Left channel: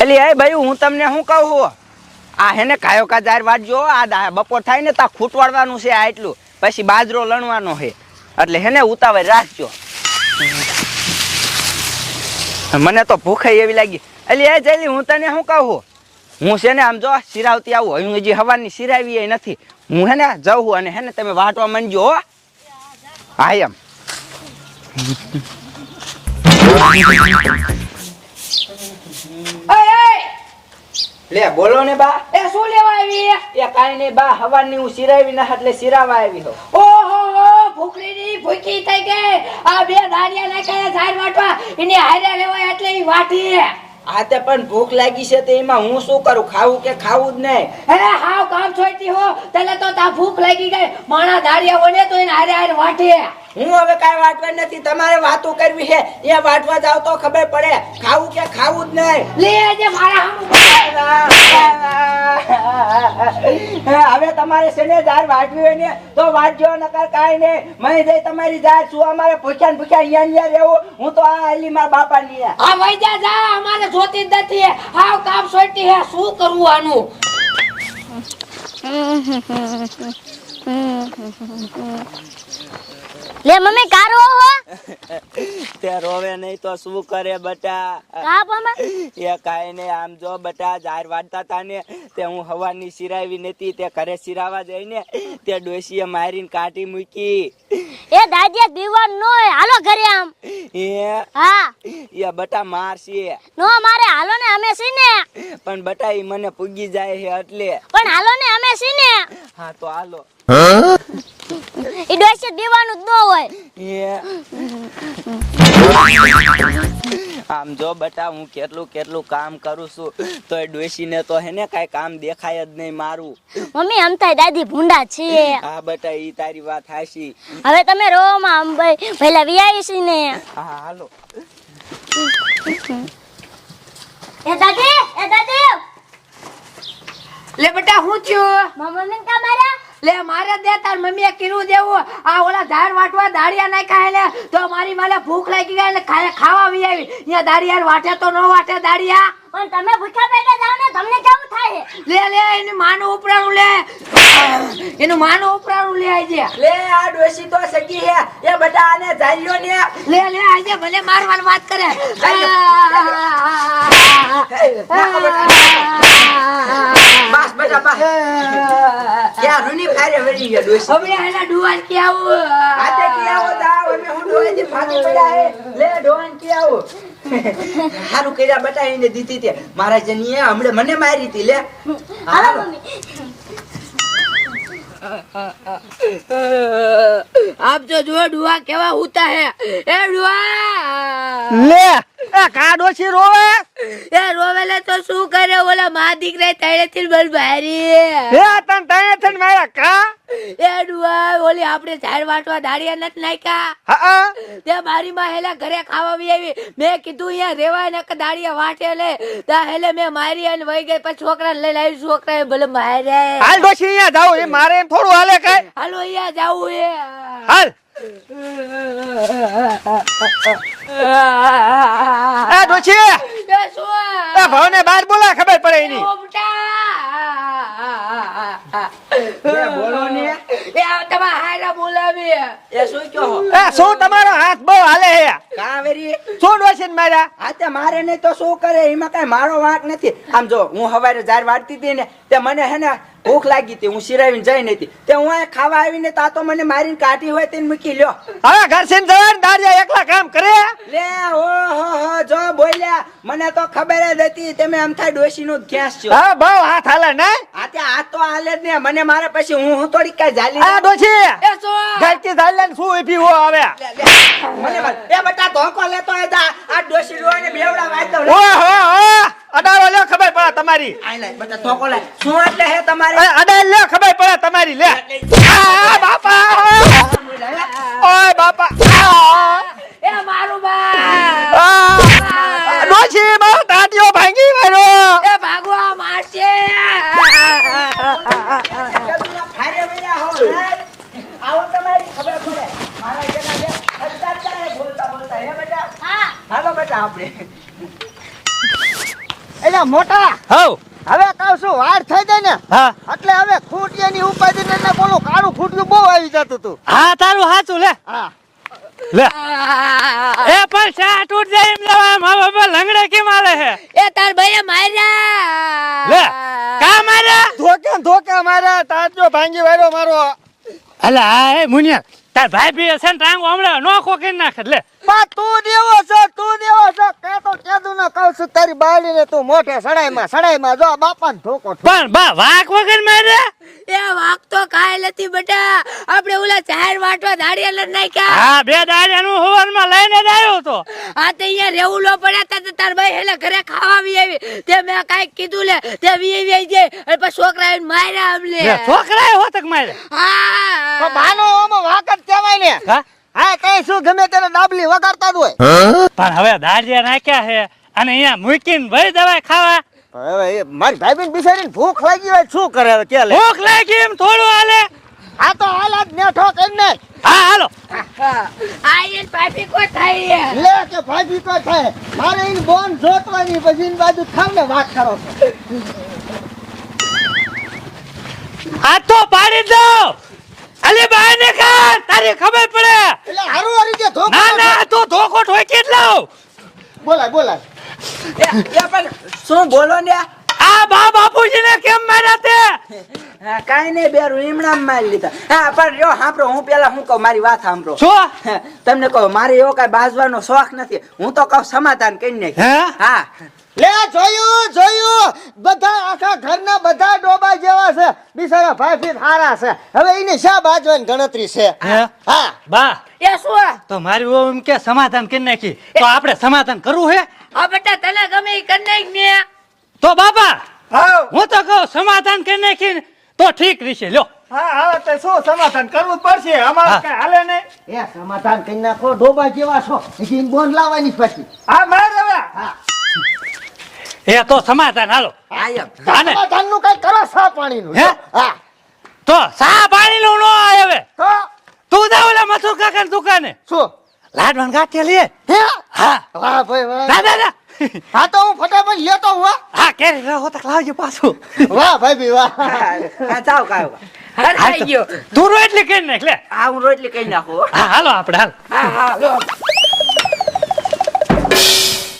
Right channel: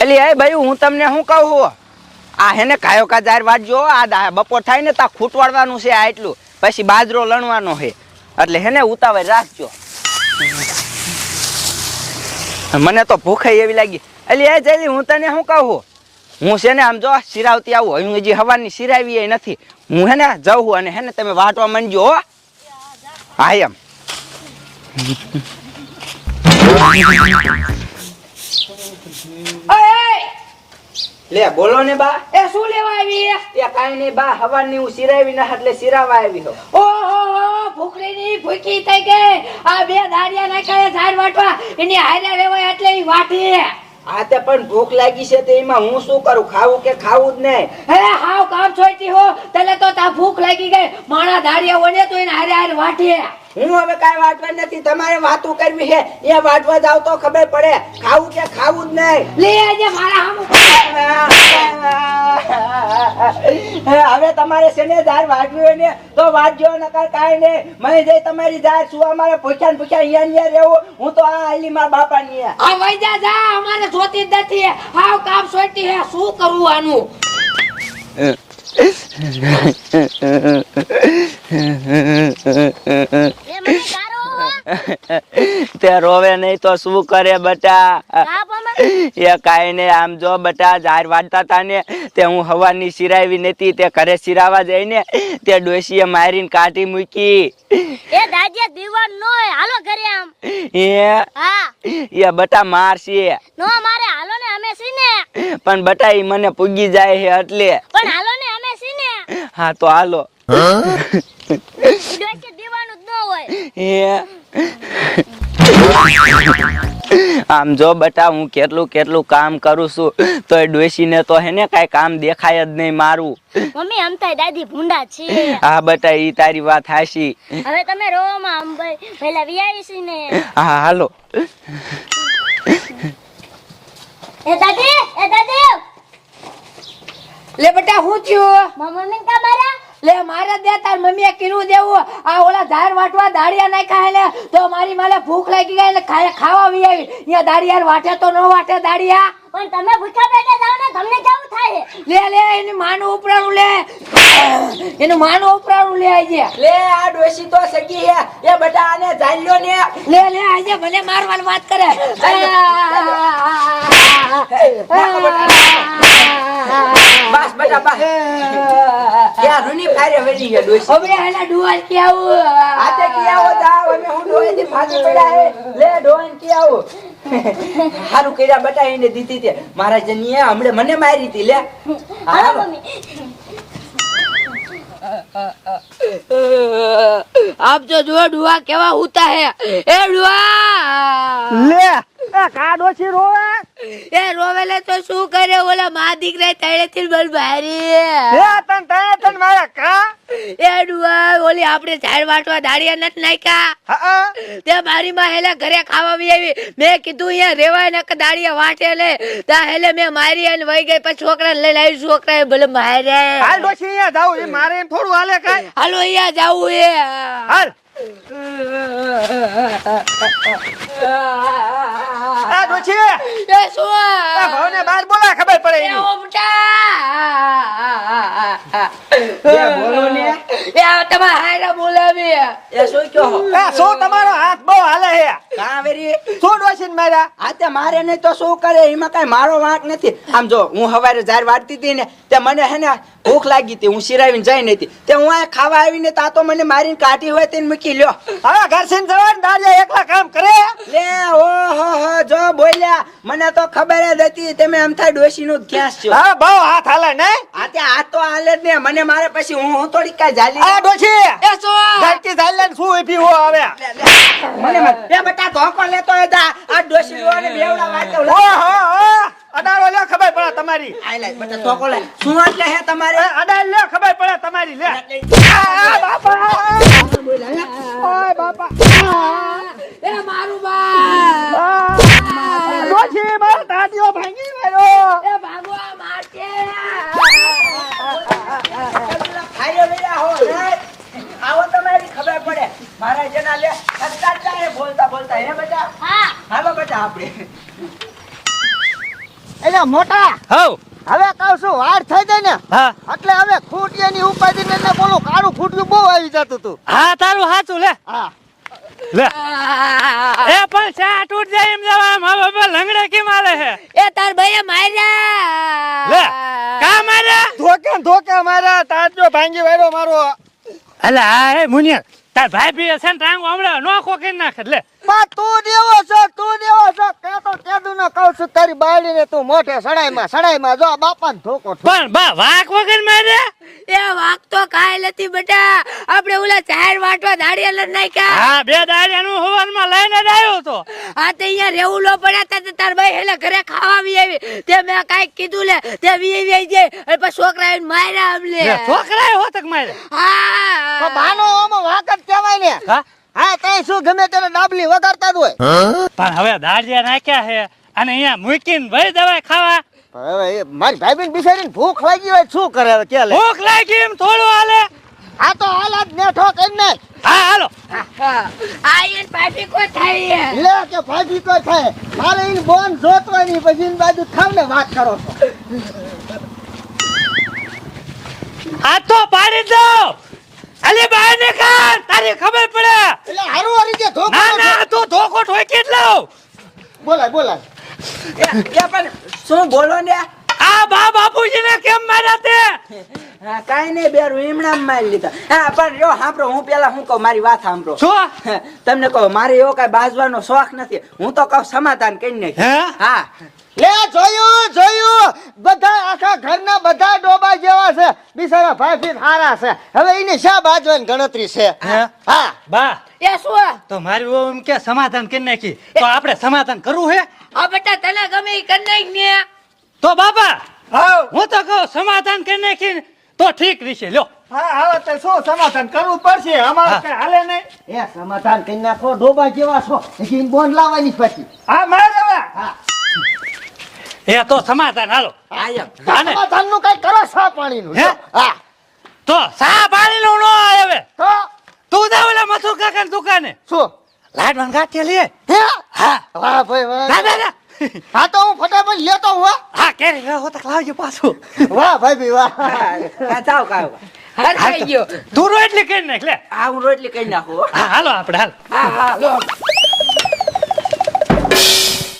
એલી એ ભાઈ, હું તમને શું કહું આ હેને કાયો કા જાર વાટજો આ બપોર થાય ને તા ખૂટવાડવાનું છે આ એટલું. પછી બાજરો લણવાનો છે. એટલે હેને ઉતાવળ રાખજો. મને તો ભૂખે એવી લાગી. અલી, એ જલ્દી હું તને શું કહું હું છે ને આમ જો સિરાવતી આવું હજી હવાની સિરાવી નથી. હું હે ને જવું અને હે ને તમે વાટવા માંડજો હો. એમ લે બોલો ને બા. એ શું લેવા આવી એ કાઈ નહીં બા હવાની હું સિરાવી ના એટલે સિરાવા આવી હો. ઓહો ભૂખડીની ભૂખી થઈ ગઈ. આ બે દાડિયા નાખ્યા ઝાડ વાટવા. એની હારે લેવાય એટલે ઈ વાટી આ તે પણ ભૂખ લાગી છે તો એમાં હું શું કરું? ખાવું કે ખાવું જ નહીં? હે હાવ કામ છોડતી હો. તને તો તા ભૂખ લાગી ગઈ. માણા દાડિયા ઓડે તો એને હારે હારે વાટે. હું હવે કાંઈ વાટવા નથી. તમારે વાતો કરવી છે. એ વાટવા જાવ તો ખબર પડે. ખાવું કે ખાવું જ નહીં. લે આજે મારા હામું. હવે તમારે છે ને ઝાડ વાટવી હોય ને તો વાટજો નકર કાઈ નહીં. મય જઈ તમારી ઝાડ શું અમારે પૂછ્યા ને પૂછ્યા અહીંયા અહીંયા રહેવું. હું તો આ મારા બાપા ની આ વૈજા જા અમારે જોતી જ નથી. હાવ કામ સોટી હે. શું કરવું આનું? લે મમ્મી કારો તે રોવે નહીં તો શું કરે બટા? એ કાંઈ નહીં આમ જો બટા જાર વાટતા હતા ને તે હું હવાની સિરાવી નથી તે ઘરે સિરાવા જઈને તે ડોશીએ મારીને કાઢી મૂકી. એ દાદિયા દીવાન નો હાલો ઘરે આમ. એ? હા. એ બટા મારશે નો મારે હાલો ને અમે સીને પણ બટા ઈ મને પૂગી જાય છે એટલે. પણ હાલો ને અમે સીને હા તો હાલો. ઈ ડોસી દીવાનું જ ન હોય. એ? આમ જો બટા હું કેટલું કેટલું કામ કરું છું તો એ ડોશીને તો હે ને કાંઈ કામ દેખાય જ નહીં મારું. મમ્મી આમ થાય દાદી ભૂંડા છે. હા બટા ઈ તારી વાત હાશી હવે તમે રો આમ ભાઈ પહેલા વિયાવી છી ને. હા હાલો. એ દાદી એ દાદી. લે બેટા હું છું મમ્મી ને કા મારા લે મારે દે તાર મમ્મીએ કીધું દેવું આ ઓલા ધાર વાટવા દાળિયા નાખ્યા ને તો મારી માલે ભૂખ લાગી ગઈ ને ખાવા વી આવી અહીંયા દાડિયા વાટે તો ન વાટે દાળિયા પણ તમે ભૂખ્યા પેટે જાવ ને તમને કેવું થાય લે લે એનું માનું ઉપરાણું લે એનું માનું ઉપરાણું લે આજે લે આ ડોશી તો સગી હે એ બધા આને ઝાલ્યો ને લે લે આજે ભલે મારવાની વાત કરે બસ બટા બસ રૂની ફારે વેરી ગયા ડોશી હવે એના ડુવાલ કે આવું આતે કી આવો જાવ અમે હું ડોહી ફાટી પડ્યા હે. લે ડોહી કી આવો. હારું કર્યા બટા એને દીધી તે. મારા જનીએ હમણે મને મારી હતી લે. મમ્મી. આપ જો જો ડુવા કેવા ઉતા હે. એ ડુવા લે એ કા રોવે? એ રોવેલે તો શું કરે ઓલા મા દીકરા તળેથી બલ ભારી હે. તન તને તન મારા કા? એ ડુઆ ઓલી આપણે ઝાડ વાટવા દાડિયા નથી નાખ્યા? હા તે મારી માં હેલે ઘરે ખાવા આવી મેં કીધું અહીંયા રેવાય નક દાડિયા વાટે લે. તા હેલે મેં મારી અને વહી ગઈ પછી છોકરા લઈ લાવી છોકરા ભલે મારે. હાલ ડોશી અહીંયા જાવ એ મારે થોડું હાલે કાય હાલો અહીંયા જાવું એ. હાલ. એ ડોશી! એ શું એ ભાવને બાર બોલા ખબર પડે એની. એ બોલો ને એ આ તમારા હાયરા બોલાવી એ શું કહો? એ શું તમારો હાથ બહુ હાલે હે કા શું ડોશી ને આ તે મારે નહીં તો શું કરે? એમાં કઈ મારો વાંક નથી. આમ જો હું હવારે જાર વાટતી હતી ને તે મને હે ને ભૂખ લાગી હતી હું સિરાવીને જઈ નથી તે હું આ ખાવા આવીને તા તો મને મારીને કાઢી હોય તેને મૂકી લ્યો. હવે ઘરસીન જવાન દાડિયા એકલા કામ કરે? લે ઓ હો હો જો બોલ્યા. મને તો ખબર જ હતી તમે આમ થાય ડોસી નું ગેસ છો. હવે બહુ હાથ હાલે ને? મને મારે પછી હું હું થોડીક કઈ જાલી આ ડોશી! એ શું? ઘરથી ચાલે ને શું ઊભી હો આવે? મને એ બટા ધોકો લેતો હતા આ ડોશી રૂવાને બેવડા વાતો લે. ઓ હો હો. અડાળો લે ખબર પડે તમારી. બટા ધોકો શું એટલે હે તમારે? અડાળ લે ખબર પડે તમારી લે. આ બાપા. ઓય બાપા. એ મારું બા આ. ડોશી મારો ટાટિયો ભાંગી માર્યો એ ભાગવા મારશે ફાયર વેરા હો હે? આવો તમારી ખબર પડે મારા જેના લે અત્યારે બોલતા બોલતા. હે બેટા હા. હાલો બેટા આપણે. એટલે મોટા. હવ હવે કહું છું વાર થઈ જાય ને હા. એટલે હવે ખૂટિયાની ઉપાધિ ને એટલે બોલું કાળું ખૂટલું બહુ આવી જતું તું. હા તારું સાચું લે. હા. લે. એ પણ શા તૂટ જાય એમ લેવા એમ હવે હવે લંગડે કેમ મારે હે? એ તાર ભાઈએ માર્યા. લે. કા મારે ધોકે ધોકે મારા તાજો ભાંગી વાળો મારો. અલે હા એ મુનિયા. તાર ભાઈ બી છે ને ટાંગો હમણાં નો કરી નાખે. બા તું દેવો છે તું દેવો છે. કે તો કેદું ન કહું છું તારી બાળીને તું મોઢે સડાઈ માં જો બાપાને ધોકો ઠોક. પણ બા વાક વગર મારે? એ વાઘ તો કાંઈ નથી બેટા. આપણે ઓલા ચાર વાટવા દાડિયા લઈ નાખ્યા. હા બે દાડિયાનું હવારમાં લઈને આવ્યો તો આ તો અહીંયા રેવું લો પડ્યા તા તો તાર ભાઈ હેલા ઘરે ખાવા આવી આવી. તે મેં કાંઈક કીધું લે તે વી જાય. અને પછી છોકરા એને માર્યા અમને લે, છોકરાએ હોતક મારે તો હા બાનો ઓમાં વાક કહેવાય ને. હા? હા કઈ શું ગમે તેને નાબલી વગાડતા જ હોય? પણ હવે દાડિયા નાખ્યા છે અને અહીંયા મૂકીને ભાઈ દવા ખાવા. હવે એ મારી ભાઈબીન બિચારીને ભૂખ લાગી હોય શું કરે હવે કે લે? ભૂખ લાગી એમ થોડું હાલે. આ તો હાલત બેઠો કરી ને હા હાલો. આ પાપી કોઈ થાય લે કે ભાજી તો થાય મારે એની બોન જોતવાની પછી એની બાજુ ખાવ ને વાત કરો છો આ તો પાડી દો અલી બહાર નીકળ તારી ખબર પડે એટલે હારું હારી જે ધોકો ના ના તું ધોકો ઠોકી જ લાવ બોલાય બોલાય એ એ પણ શું બોલો ને? આ બા બાપુજીને કેમ માર્યા તે? હા, નઈ બે બેરું એમણામ મારી લીધા. હા પણ જો સાંભળો હું પેલા હું કહું મારી વાત સાંભળો. શું? તમને કહો મારે એવો કઈ બાજવાનો શોખ નથી. હું તો કહું સમાધાન કરી નાખ હા? લે જોયું જોયું. બધા આખા ઘરના બધા ડોબા જેવા છે. બિચારા ભાઈ ભીન હારા છે. હવે એની શા બાજવાની ગણતરી છે? હે? હા. બા. એ શું? તો મારી એમ કે સમાધાન કરી નાખી. તો આપણે સમાધાન કરવું હે? આ બેટા તને ગમે તો બાબા હું તો કહું સમાધાન કરી નાખી તો ઠીક રહેશે લ્યો. હા તો શું સમાધાન કરવું પડશે? અમારે કઈ હાલે નહીં. એ સમાધાન કરી નાખો ડોબા જેવા છો? હજી બોન લાવવાની પછી. હા મારે હા. એ તો સમાધાન હાલો. હા, એમ. હાલે. સમાધાનનું કઈ કરો સા પાણી નું હે? હા. તો સા પાણી નું નો આવે તું? જા ઓલા મથુ કાકા દુકાને. શું? લાડવાન ગાંઠિયા લે. હે? હા. વાહ ભાઈ વાહ. દા દા દા હા તો હું ફટાફટ લેતો હું હા. કેરી રહો તો લાવજો પાછું. વાહ ભાઈ વાહ. હા, થઈ ગયો તું રોટલી કરી નાખ લે. હા હું રોટલી કરી નાખું. હા. હાલો આપણે હાલ. હા હા